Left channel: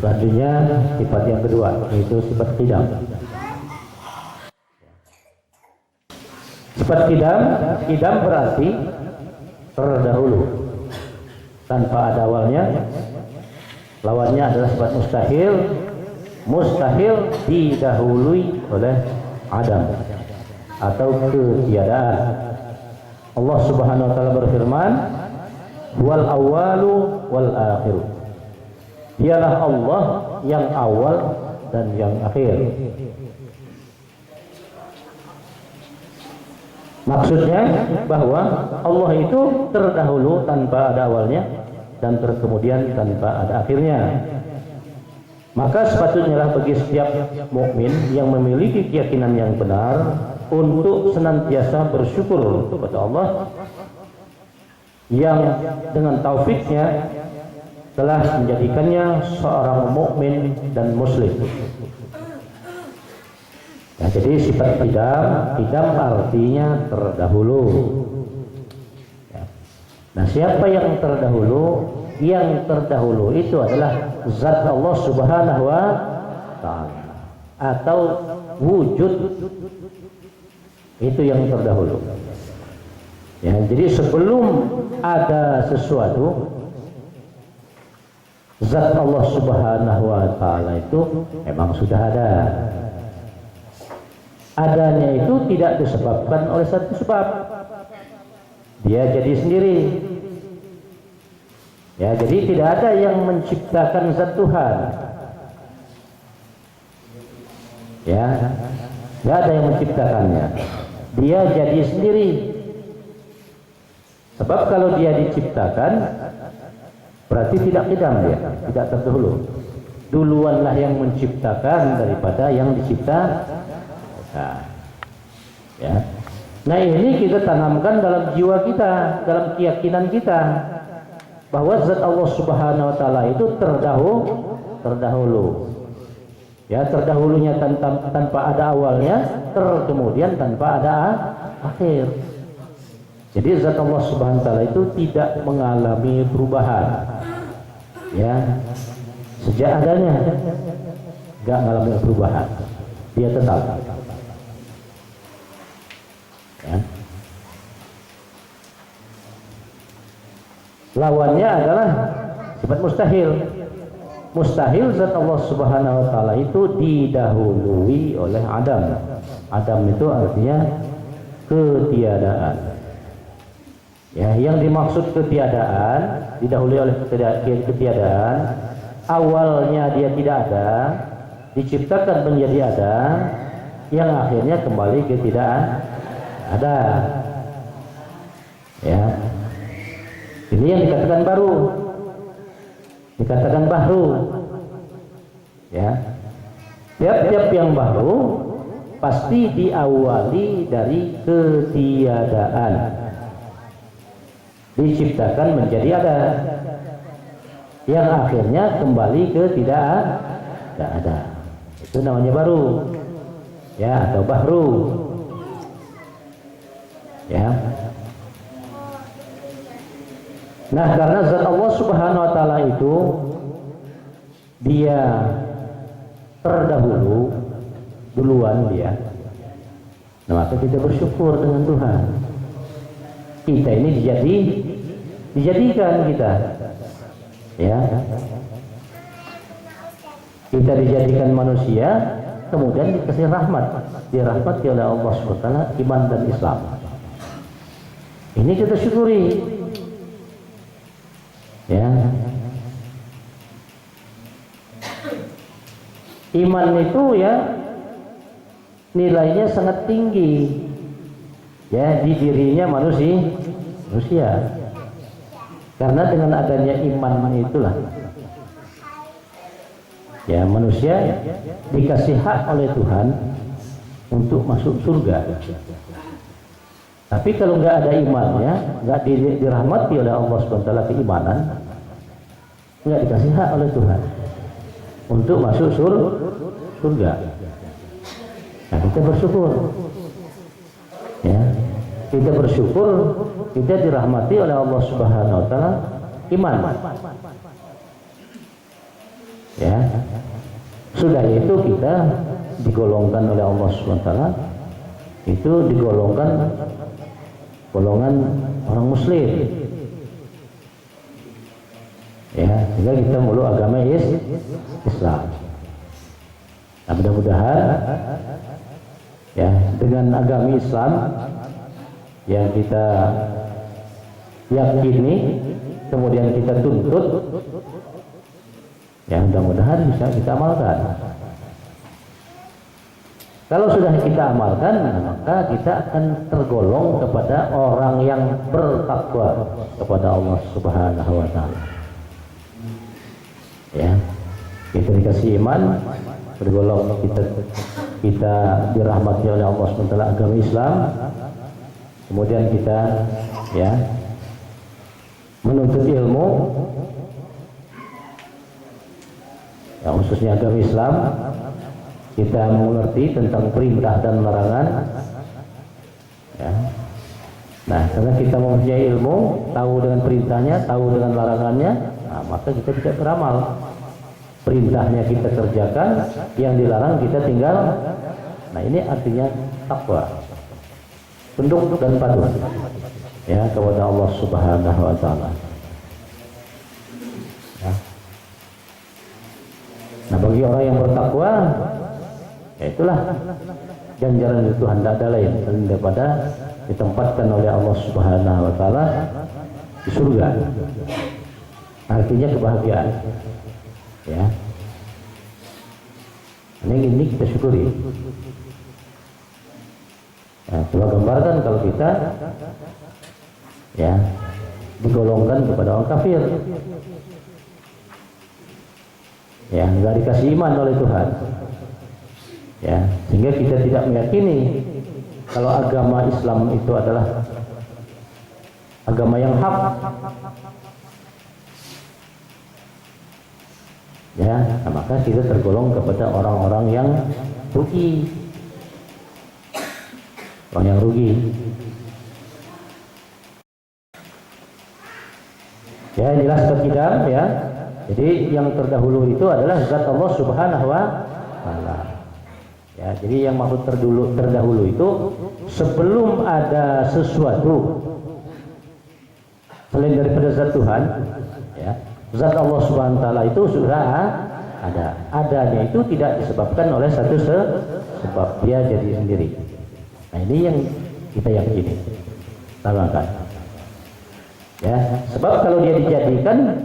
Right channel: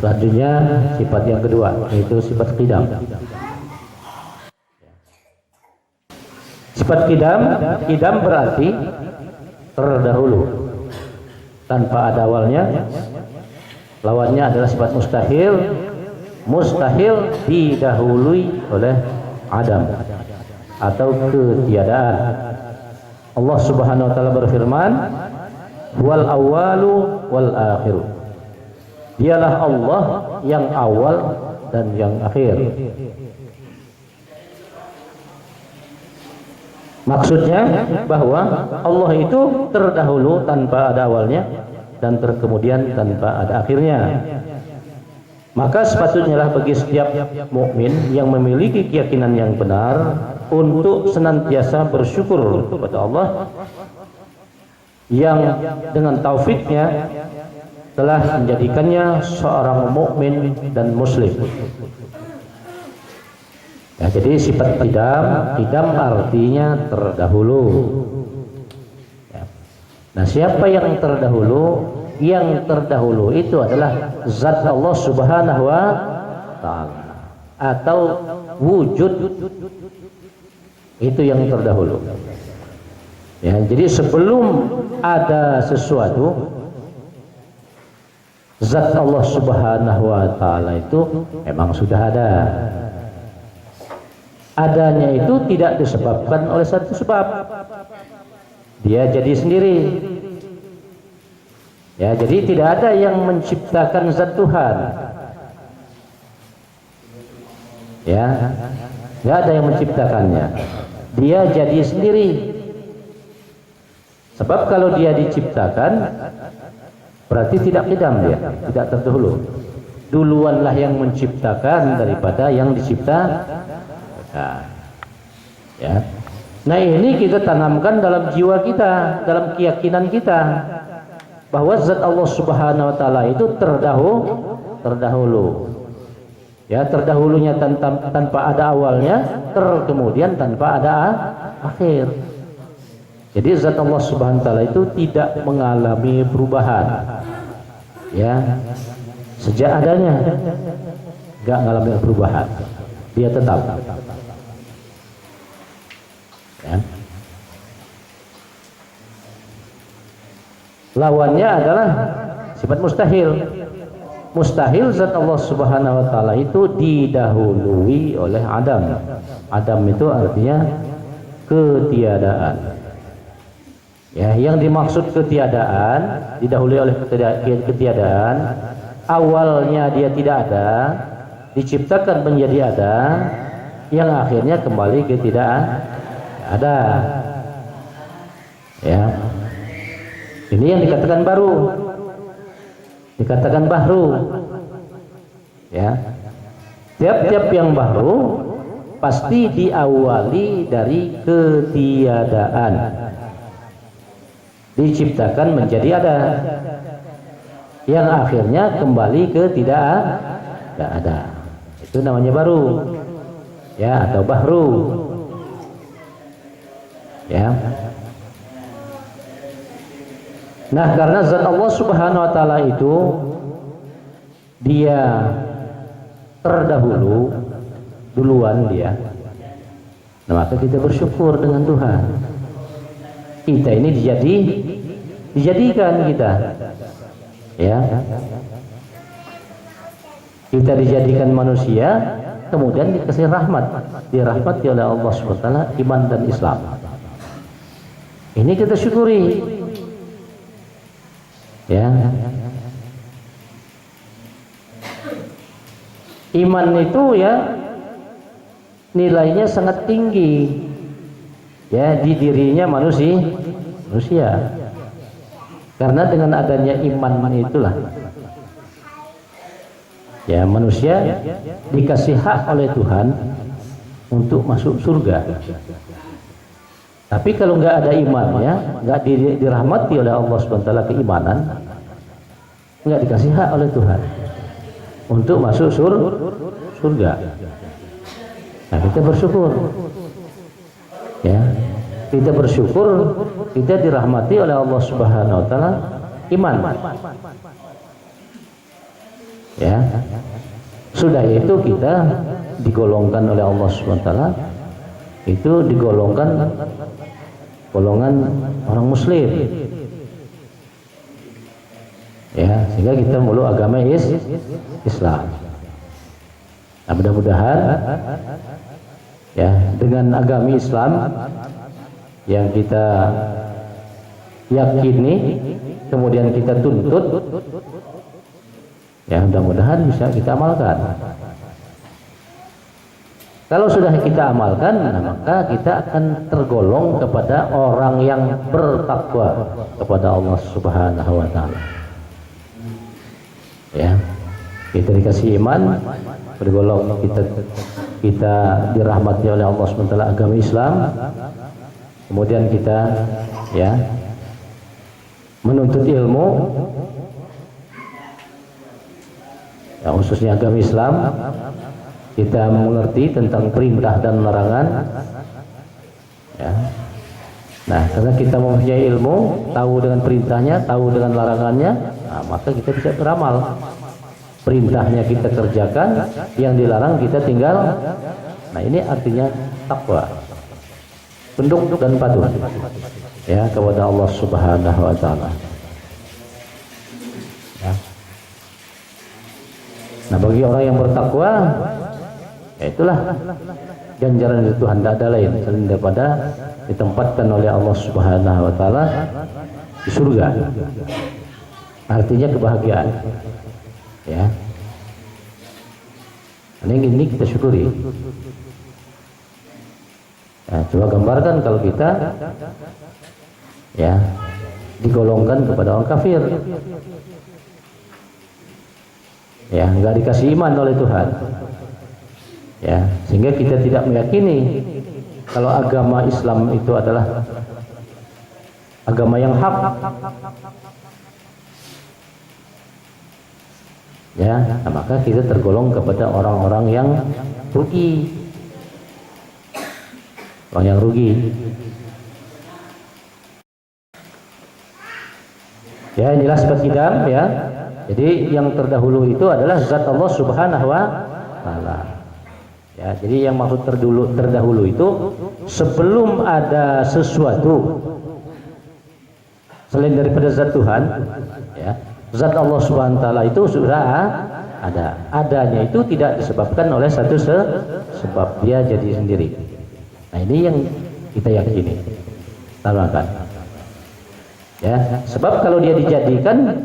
Selanjutnya sifat yang kedua yaitu sifat qidam. Sifat qidam berarti terdahulu tanpa ada awalnya. Lawannya adalah sifat mustahil didahului oleh adam atau ketiadaan. Allah Subhanahu wa taala berfirman, wal awwalu wal akhiru. Dialah Allah yang awal dan yang akhir. Maksudnya bahwa Allah itu terdahulu tanpa ada awalnya dan terkemudian tanpa ada akhirnya. Maka sepatutnya lah bagi setiap mukmin yang memiliki keyakinan yang benar untuk senantiasa bersyukur kepada Allah yang dengan taufiknya telah menjadikannya seorang mukmin dan muslim. Ya, jadi sifat qidam artinya terdahulu. Ya. Nah, siapa yang terdahulu? Yang terdahulu itu adalah zat Allah Subhanahu wa taala atau wujud, itu yang terdahulu. Ya, jadi sebelum ada sesuatu, zat Allah Subhanahu wa taala itu memang sudah ada. Adanya itu tidak disebabkan oleh satu sebab. Dia jadi sendiri. Ya, jadi tidak ada yang menciptakan zat Tuhan. Ya, tidak ada yang menciptakannya. Dia jadi sendiri. Sebab kalau dia diciptakan, berarti tidak qidam dia, tidak terdahulu. Duluanlah yang menciptakan daripada yang diciptakan. Ya. Nah, ini kita tanamkan dalam jiwa kita, dalam keyakinan kita, bahwa zat Allah Subhanahu wa taala itu terdahulu. Ya, terdahulunya tanpa ada awalnya, kemudian tanpa ada akhir. Jadi zat Allah Subhanahu wa taala itu tidak mengalami perubahan. Ya. Sejak adanya enggak mengalami perubahan. Dia tetap. Ya. Lawannya adalah sifat mustahil. Mustahil zat Allah Subhanahu wa taala itu didahului oleh adam. Adam itu artinya ketiadaan. Ya, yang dimaksud ketiadaan, didahului oleh ketiadaan, awalnya dia tidak ada, diciptakan menjadi ada, yang akhirnya kembali ke tidak ada. Ya. Ini yang dikatakan baru, dikatakan bahru. Ya, tiap-tiap yang baru pasti diawali dari ketiadaan, diciptakan menjadi ada, yang akhirnya kembali ke tidak ada. Itu namanya baru, ya, atau bahru. Ya. Nah, karena zat Allah Subhanahu wa taala itu dia terdahulu, duluan dia. Nah, maka kita bersyukur dengan Tuhan. Kita ini dijadikan kita. Ya. Kita dijadikan manusia, kemudian dikasih rahmat, dirahmati oleh Allah Subhanahu wa taala, iman dan Islam. Ini kita syukuri. Ya. Iman itu ya nilainya sangat tinggi. Ya, di dirinya manusia. Karena dengan adanya iman itulah ya manusia dikasih hak oleh Tuhan untuk masuk surga. Tapi kalau nggak ada imannya, nggak dirahmati oleh Allah SWT keimanan, nggak dikasih hak oleh Tuhan untuk masuk surga. Nah, kita bersyukur, ya, kita bersyukur kita dirahmati oleh Allah Subhanahu Wa Taala iman. Ya. Sudah itu kita digolongkan oleh Allah Subhanahu wa taala, itu digolongkan golongan orang muslim. Ya, sehingga kita meluk agama Islam. Nah, mudah-mudahan ya dengan agama Islam yang kita yakini kemudian kita tuntut, ya mudah-mudahan bisa kita amalkan. Kalau sudah kita amalkan, maka kita akan tergolong kepada orang yang bertakwa kepada Allah Subhanahu wa taala. Ya, kita dikasih iman, bergolong kita dirahmati oleh Allah Subhanahu wa taala agama Islam. Kemudian kita ya menuntut ilmu, ya, khususnya agama Islam. Kita mengerti tentang perintah dan larangan, ya. Nah, karena kita mempunyai ilmu, tahu dengan perintahnya, tahu dengan larangannya, nah, maka kita bisa beramal. Perintahnya kita kerjakan, yang dilarang kita tinggal. Nah, ini artinya takwa, tunduk dan patuh, ya, kepada Allah Subhanahu wa taala. Ya. Nah, bagi orang yang bertakwa, ya itulah ganjaran dari Tuhan, tidak ada lain selain daripada ditempatkan oleh Allah Subhanahu wa taala di surga. Artinya kebahagiaan. Ya. Ini kita syukuri. Ya, coba gambarkan kalau kita ya digolongkan kepada orang kafir. Ya, nggak dikasih iman oleh Tuhan. Ya, sehingga kita tidak meyakini kalau agama Islam itu adalah agama yang hak. Ya, nah, maka kita tergolong kepada orang-orang yang rugi. Orang yang rugi. Ya, inilah sifat kidam, ya. Jadi yang terdahulu itu adalah zat Allah Subhanahu wa taala. Ya, jadi yang maksud terdahulu itu sebelum ada sesuatu selain daripada zat Tuhan, ya, zat Allah Subhanahu wa taala itu sudah ada. Adanya itu tidak disebabkan oleh satu sebab, dia jadi sendiri. Nah, ini yang kita yakini. Tanamkan. Ya, sebab kalau dia dijadikan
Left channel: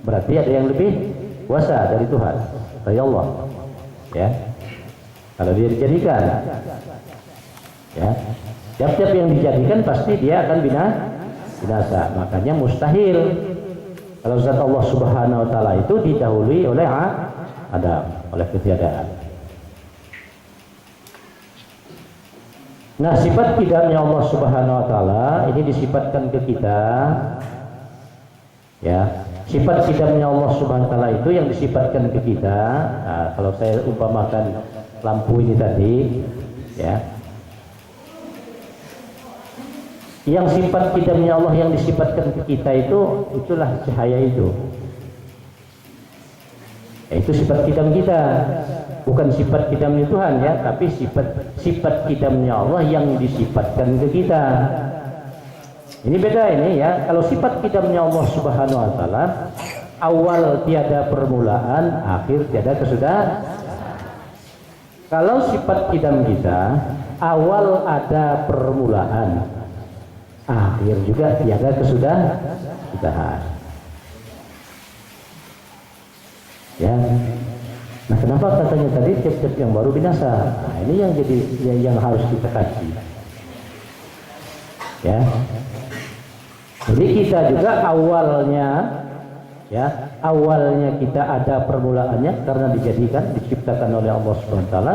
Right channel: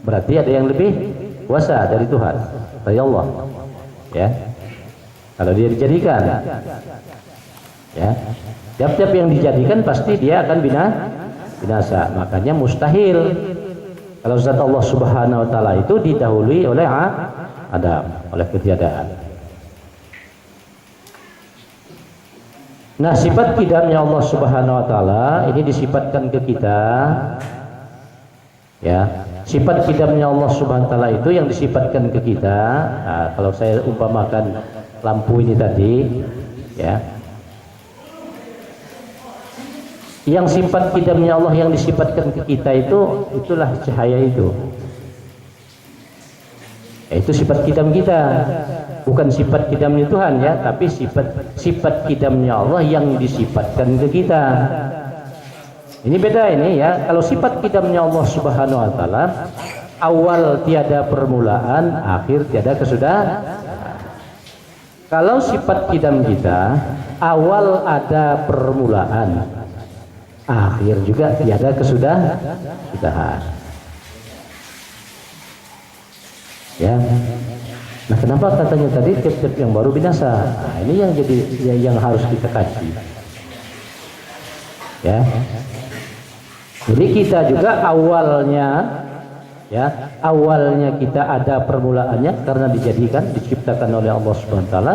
berarti ada yang lebih kuasa dari Tuhan, dari Allah. Ya. Kalau dia dijadikan, ya, tiap-tiap yang dijadikan pasti dia akan binasa. Makanya mustahil kalau zat Allah Subhanahu wa taala itu didahului oleh Adam, oleh ketiadaan. Nah, sifat qidamnya Allah Subhanahu wa taala ini disifatkan ke kita, ya. Sifat qidamnya Allah Subhanahu wa taala itu yang disifatkan ke kita. Nah, kalau saya umpamakan lampu ini tadi, ya, yang sifat qidamnya Allah yang disifatkan ke kita itulah cahaya itu. Ya, itu sifat qidam kita, bukan sifat qidamnya Tuhan, ya, tapi sifat qidamnya Allah yang disifatkan ke kita. Ini beda ini, ya. Kalau sifat qidamnya Allah Subhanahu wa taala, awal tiada permulaan, akhir tiada kesudahan. Kalau sifat qidam kita, awal ada permulaan, akhir juga tiada kesudahan. Ya. Nah, kenapa katanya tadi tiap-tiap yang baru binasa? Nah, ini yang jadi yang harus kita kaji. Ya. Jadi kita juga awalnya, ya, awalnya kita ada permulaannya karena diciptakan oleh Allah Subhanahu wa taala.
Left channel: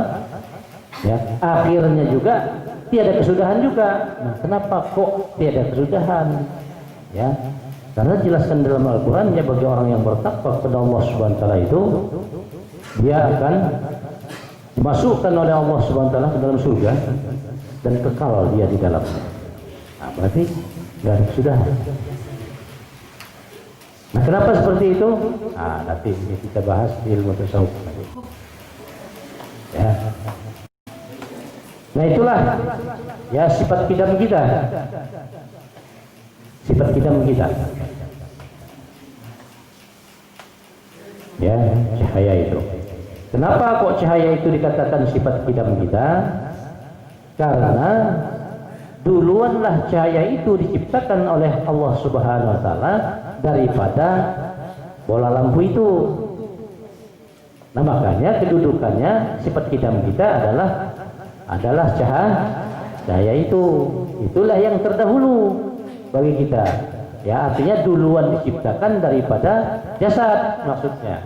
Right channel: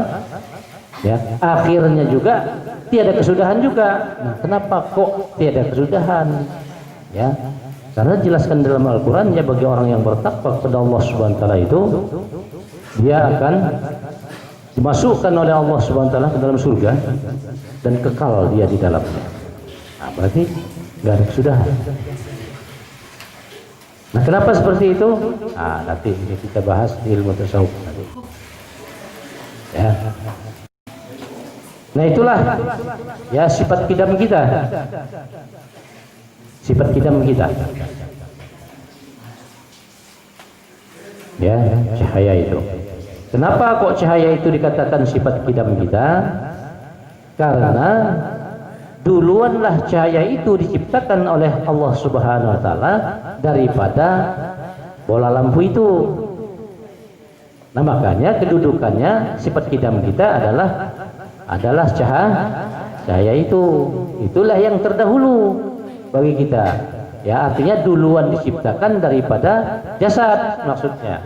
Ya, akhirnya juga tiada kesudahan juga. Nah, kenapa kok tiada kesudahan? Ya, karena jelaskan dalam Al-Qur'an, ya, bagi orang yang bertakwa kepada Allah Subhanahu wa taala itu dia akan dimasukkan oleh Allah Subhanahu wa taala ke dalam surga dan kekal dia di dalamnya. Nah, berarti nggak ada kesudahan. Nah, kenapa seperti itu? Nah, nanti kita bahas di ilmu tasawuf nanti. Ya. Nah, itulah ya sifat kidam kita. Sifat kidam kita. Ya, cahaya itu. Kenapa kok cahaya itu dikatakan sifat kidam kita? Karena duluanlah cahaya itu diciptakan oleh Allah Subhanahu wa taala daripada bola lampu itu. Nah, makanya kedudukannya sifat kidam kita adalah cahaya itu. Itulah yang terdahulu bagi kita. Ya, artinya duluan diciptakan daripada jasad maksudnya.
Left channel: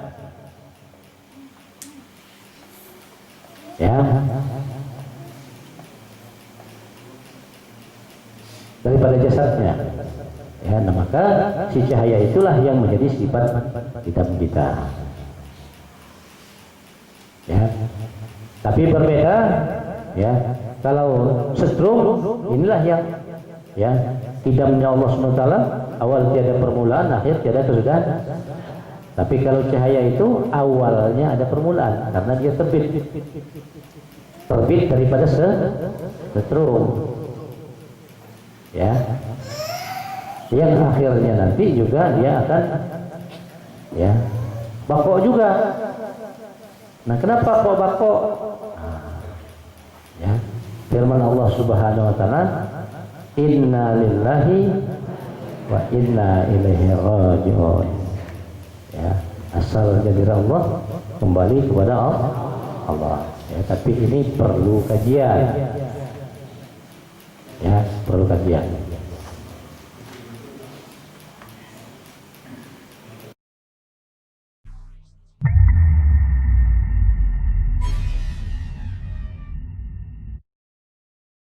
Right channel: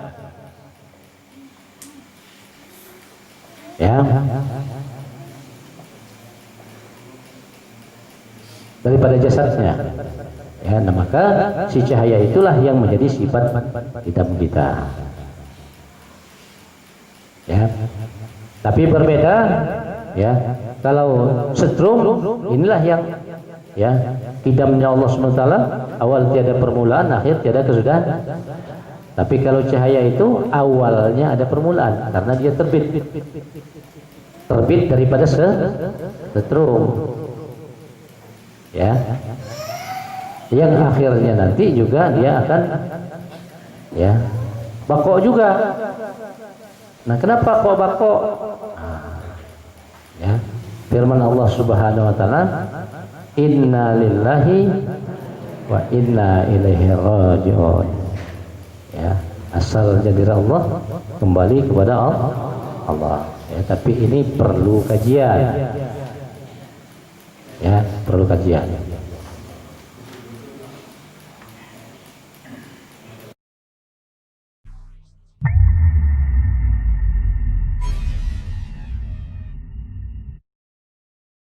Ya. Daripada jasadnya. Ya, nah maka si cahaya itulah yang menjadi sifat kidam kita. Ya. Tapi berbeda ya. Kalau setrum inilah yang ya kidamnya Allah SWT, awal tiada permulaan, akhir tiada kesudahan. Tapi kalau cahaya itu awalnya ada permulaan karena dia terbit daripada setrum. Ya, yang akhirnya nanti juga dia akan ya bako juga. Nah, kenapa kok bako? Ya, firman Allah Subhanahu wa taala, inna lillahi wa inna ilaihi raji'un. Ya, asal jadi Allah kembali kepada Allah. Ya, tapi ini perlu kajian. Ya, perlu kajian.